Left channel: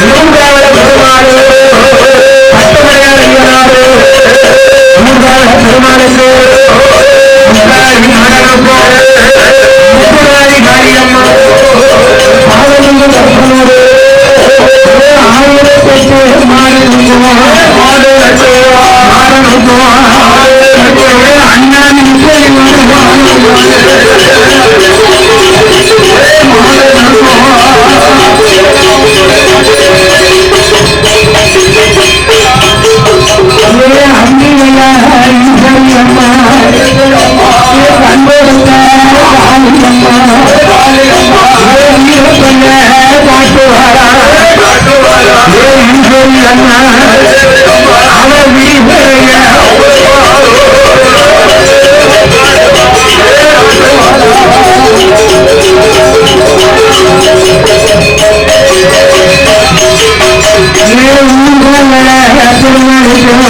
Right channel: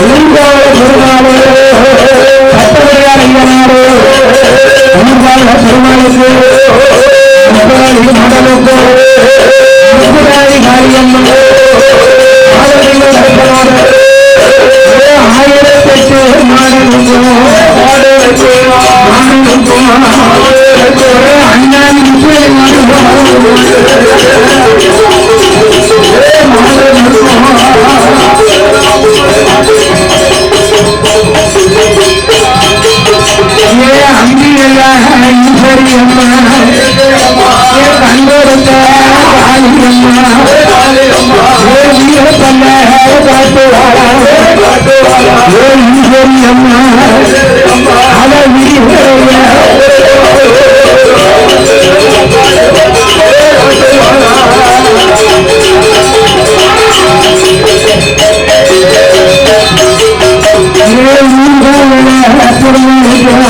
Linda Anna our விரிவுரைய. Perumal